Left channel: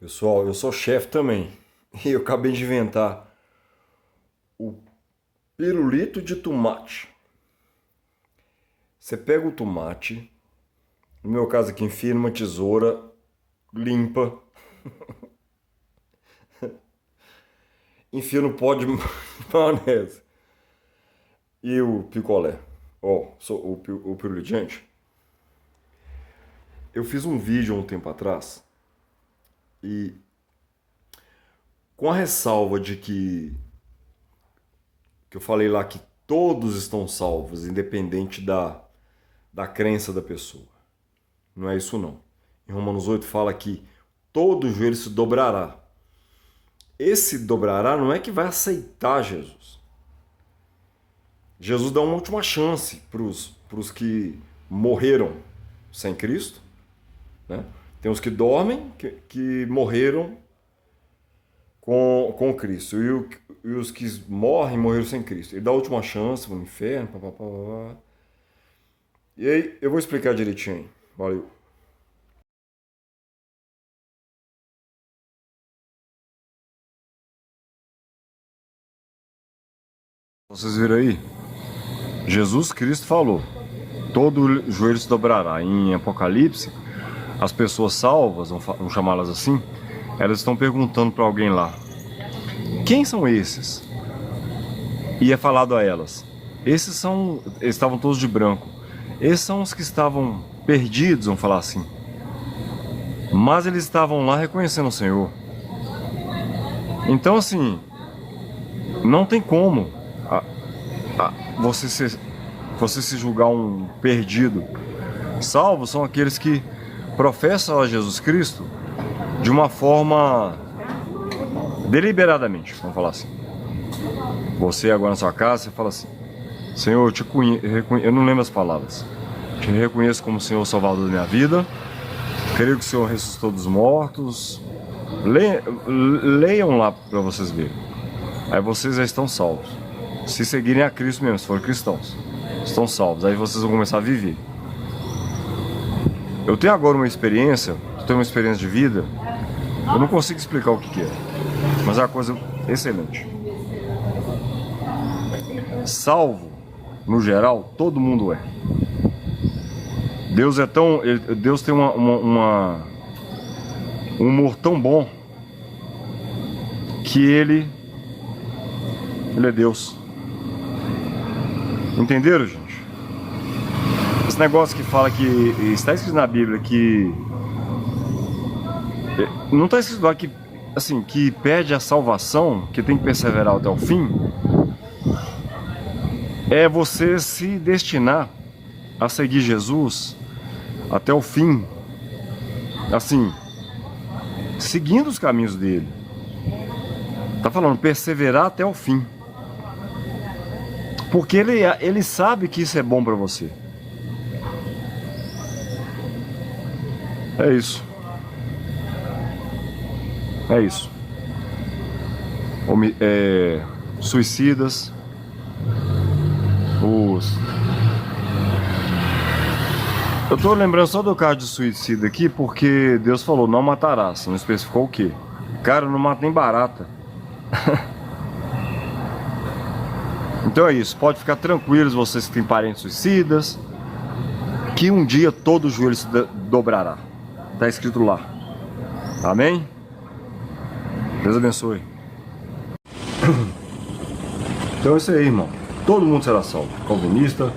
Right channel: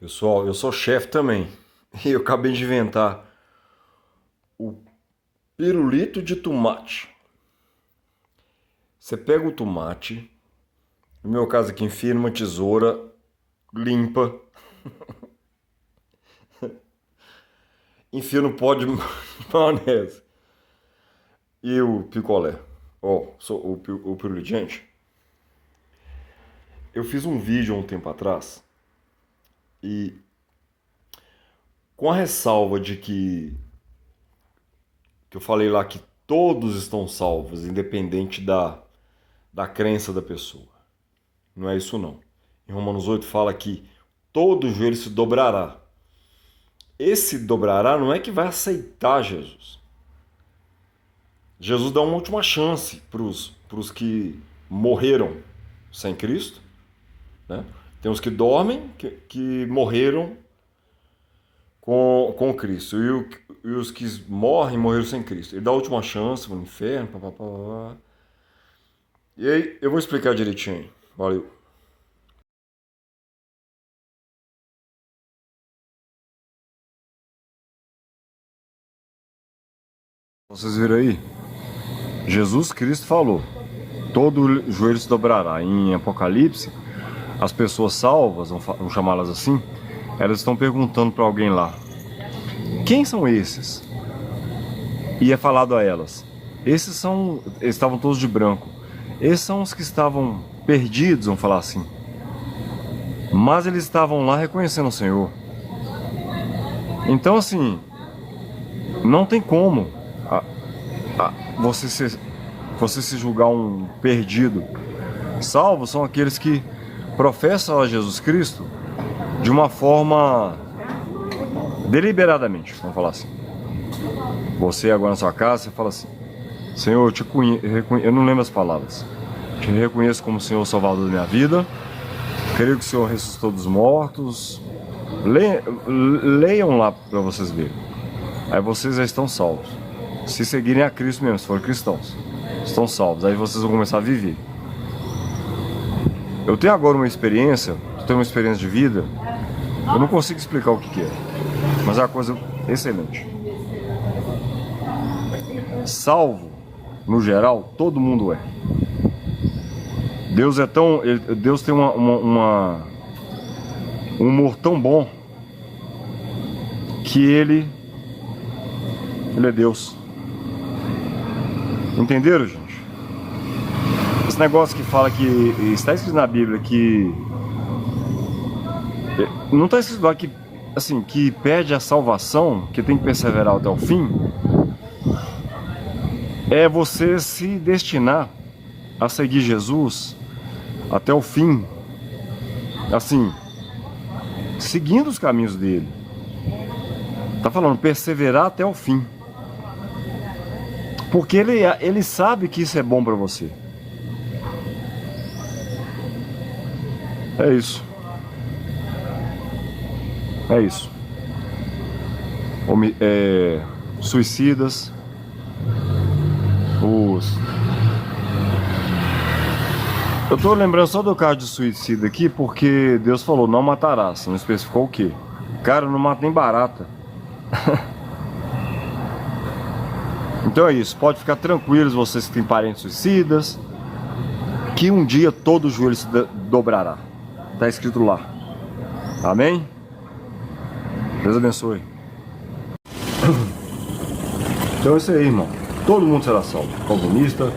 Pessoal, eu sou chefe também. E eu acabei de inventar o pirulito de tomate. Você pega o tomate, no meu caso aqui, enfia numa tesoura, limpa, enfia no pó de maionese e o picolé. Ó, o pirulito. Gente, eu fiz um vídeo há um tempo atrás e com a ressalva de que eu falei lá que todos estão salvos, independente da crença da pessoa. Não é isso não. Em Romanos 8 fala que todo joelho se dobrará. Esse dobrará não é que vai aceitar Jesus. Jesus dá uma última chance para os que morreram sem Cristo, né? Tem os que dormem, que morreram com Cristo. E os que morreram sem Cristo. Ele dá a última chance, vão no inferno, papapá. E aí, eu vou explicar direitinho. Valeu. Vocês viram aí? Jesus Cristo falou: todo joelho se dobrará. Em Apocalipse, as pessoas salvas, vamos chamá-las assim, elas estão perguntando para alguém lá: quem são esses? E é falado a elas: eles estavam todos de branco. Esses são os que estavam perdidos, vamos falar assim. Mas eles estavam lá reconhecendo o Senhor. Então, assim, não tem como você se julgar um perdido. Salvos são aqueles que professam a Jesus Cristo de uma forma deliberadamente, vamos falar assim. Você agora na sua casa, você fala assim: Senhor, eu te conheço, eu não lembro as palavras. Te reconheço como Senhor Salvador da minha vida. Creio que o Senhor ressuscitou dos mortos. Leiam lá para vocês verem. Aí vocês já estão salvos. Se seguirem a Cristo mesmo, se forem cristãos, estão salvos. Aí vocês vão começar a viver. Eu tenho agora uma experiência, de vida. Eu não consigo explicar o que é, mas é uma coisa excelente. Salvo, no geral, todo mundo é. Deus tem um humor tão bom que Ele é Deus. Entenderam, gente? Esse negócio que fala que está escrito na Bíblia que não está escrito lá que assim, que perde a salvação, que tem que perseverar até o fim, é você se destinar a seguir Jesus até o fim, assim, seguindo os caminhos dele. Tá falando perseverar até o fim, porque ele sabe que isso é bom para você. É isso. É isso. Suicidas, eu tô lembrando só do caso de suicídio aqui porque Deus falou: não matarás. Não especificou o quê? Cara, eu não mato nem barata. Então é isso. Pode ficar tranquilos, vocês que têm parentes suicidas, que um dia todo o joelho se dobrará. Tá escrito lá. Amém? Deus abençoe. Então é isso aí, irmão. Todo mundo será salvo. O calvinista,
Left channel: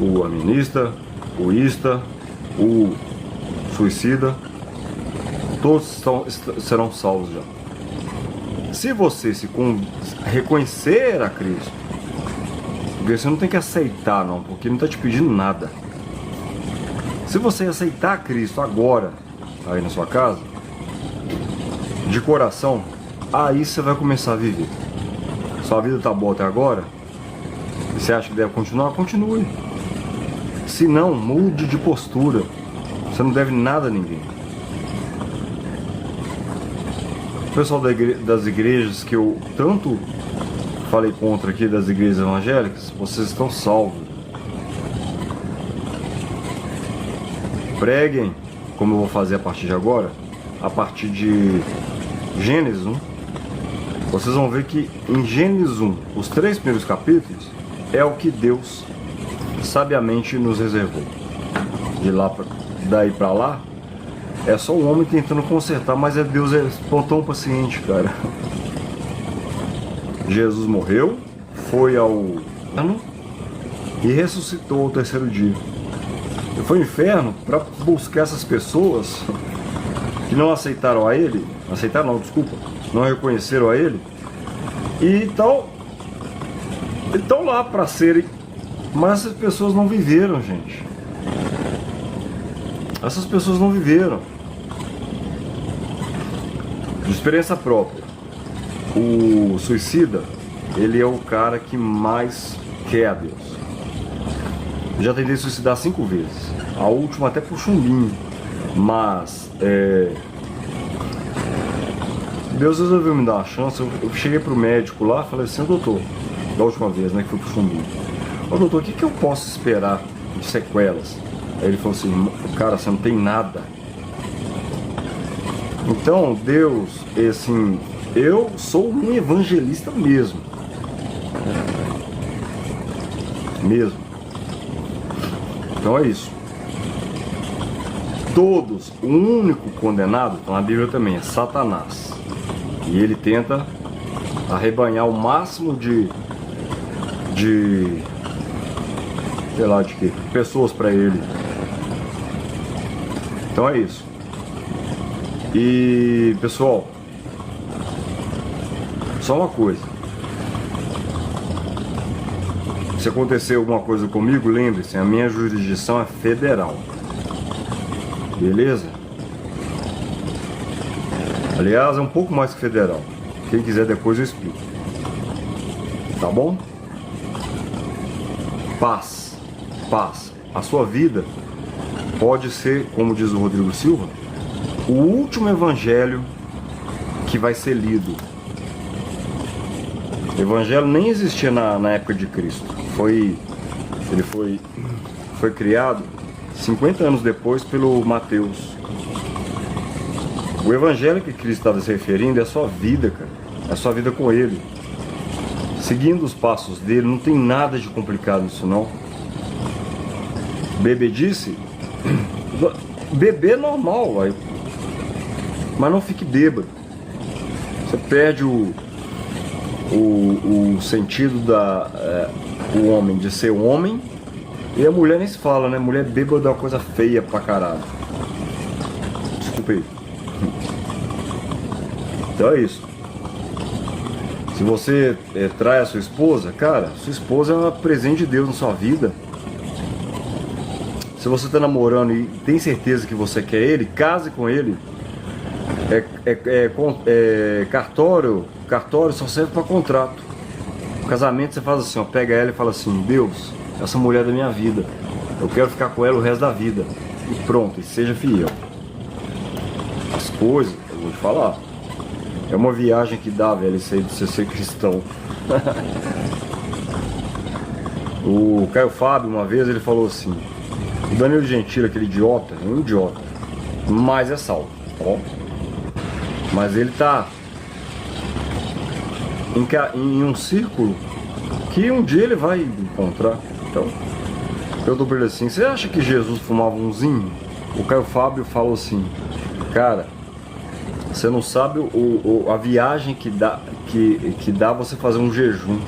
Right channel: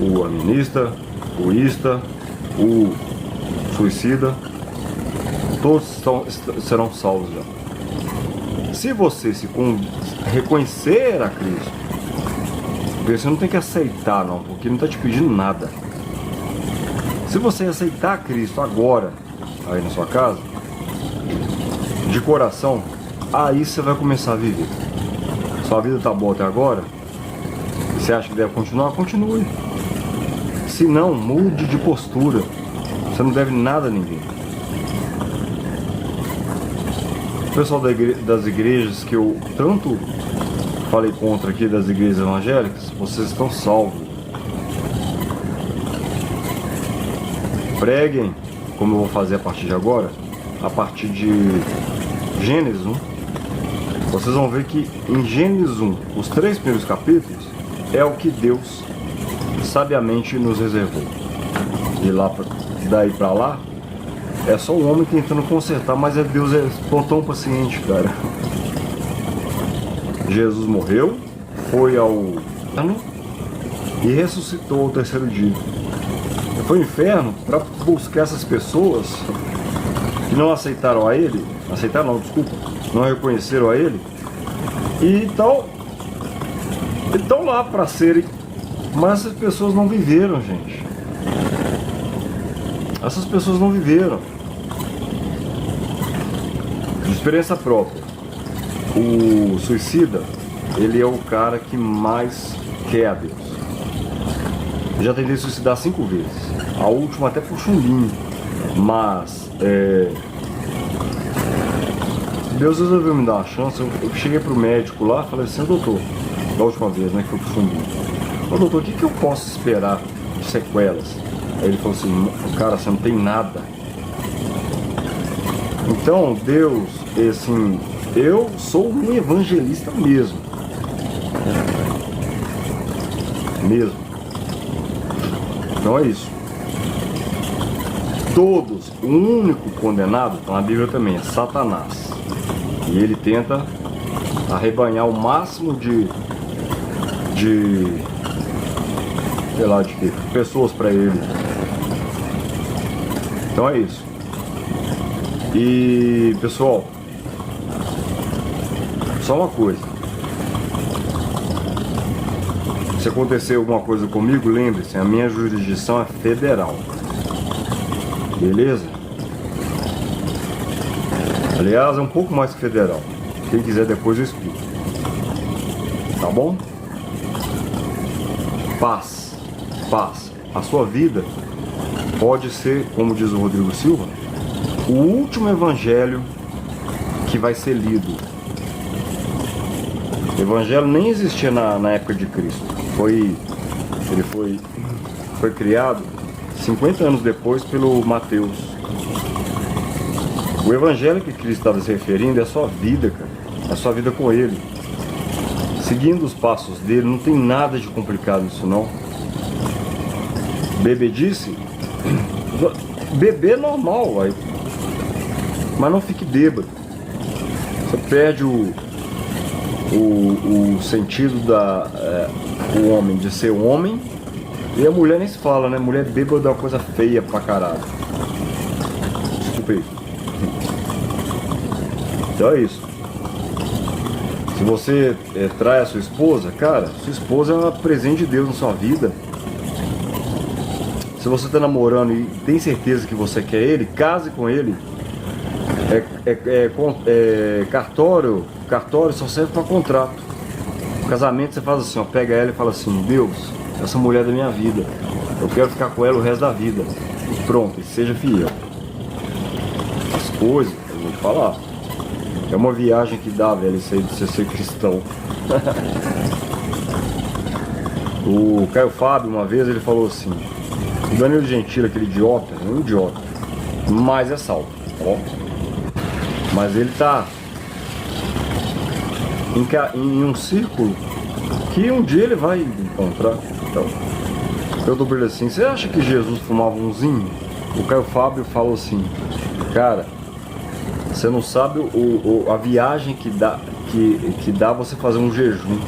o animista, o ista, o suicida. Todos serão salvos já. Se você reconhecer a Cristo, você não tem que aceitar não, porque ele não está te pedindo nada. Se você aceitar Cristo agora, aí na sua casa, de coração, aí você vai começar a viver. Sua vida está boa até agora, e você acha que deve continuar? Continue. Se não, mude de postura. Você não deve nada a ninguém. O pessoal das igrejas que eu tanto falei contra aqui, das igrejas evangélicas, vocês estão salvos. Preguem, como eu vou fazer a partir de agora, a partir de Gênesis 1, vocês vão ver que em Gênesis 1, os 3 primeiros capítulos, é o que Deus sabiamente nos reservou. E daí pra lá, é só o homem tentando consertar, mas Deus é tão paciente, cara. Jesus morreu, foi ao inferno e ressuscitou ao 3º dia. Ele foi ao inferno para buscar essas pessoas que não aceitaram a ele, não reconheceram a ele, e estão lá para serem, mas essas pessoas não viveram, gente. Essas pessoas não viveram. De experiência própria, o suicida, ele é o cara que mais quer a Deus. Eu já tentei suicidar 5 vezes. A última até por chumbinho. Mas Deus resolveu me dar uma chance. Eu cheguei pro médico lá e falei assim: doutor, da última vez, né, que foi pro chumbinho. Ô doutor, o que eu posso esperar de sequelas? Aí ele falou assim: cara, você não tem nada. Então Deus, assim, eu sou um evangelista mesmo. Então é isso. Todos, o único condenado, então a Bíblia também, é Satanás. E ele tenta arrebanhar o máximo de sei lá, de pessoas para ele. Então é isso. E pessoal, só uma coisa: se acontecer alguma coisa comigo, lembre-se, a minha jurisdição é federal. Beleza? Aliás, é um pouco mais que federal. Quem quiser depois eu explico. Tá bom? Paz. Paz. A sua vida pode ser, como diz o Rodrigo Silva, o último evangelho que vai ser lido. O evangelho nem existia na época de Cristo. Ele foi criado 50 anos depois pelo Mateus. O evangelho que Cristo estava se referindo é a sua vida, cara. É a sua vida com Ele. Seguindo os passos dele, não tem nada de complicado nisso não. Bebedice, beber é normal, vai. Mas não fique bêbado. Você perde o sentido o homem de ser homem. E a mulher nem se fala, né? Mulher bêbada é uma coisa feia pra caralho. Desculpa aí. Então é isso. Se você trai a sua esposa, cara, sua esposa é um presente de Deus na sua vida. Se você está namorando e tem certeza que você quer ele, case com ele. Cartório só serve para contrato. No casamento você faz assim, ó, pega ela e fala assim: Deus, essa mulher é da minha vida, eu quero ficar com ela o resto da vida. E pronto, seja fiel. As coisas, eu vou te falar, é uma viagem que dá, velho, isso aí de você ser cristão. O Caio Fábio, uma vez, ele falou assim: o Danilo Gentili, aquele idiota, é um idiota, mas é salvo, tá bom? Mas ele tá em um círculo que um dia ele vai encontrar. Então, eu dou pra ele assim: você acha que Jesus fumava umzinho? O Caio Fábio falou assim: cara, você não sabe a viagem que dá você fazer um jejum.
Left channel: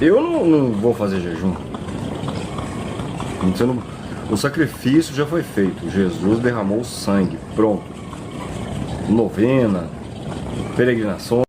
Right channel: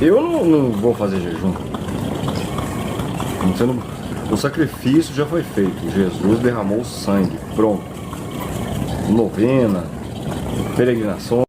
Eu não vou fazer jejum. O sacrifício já foi feito. Jesus derramou sangue. Pronto. Novena, peregrinação.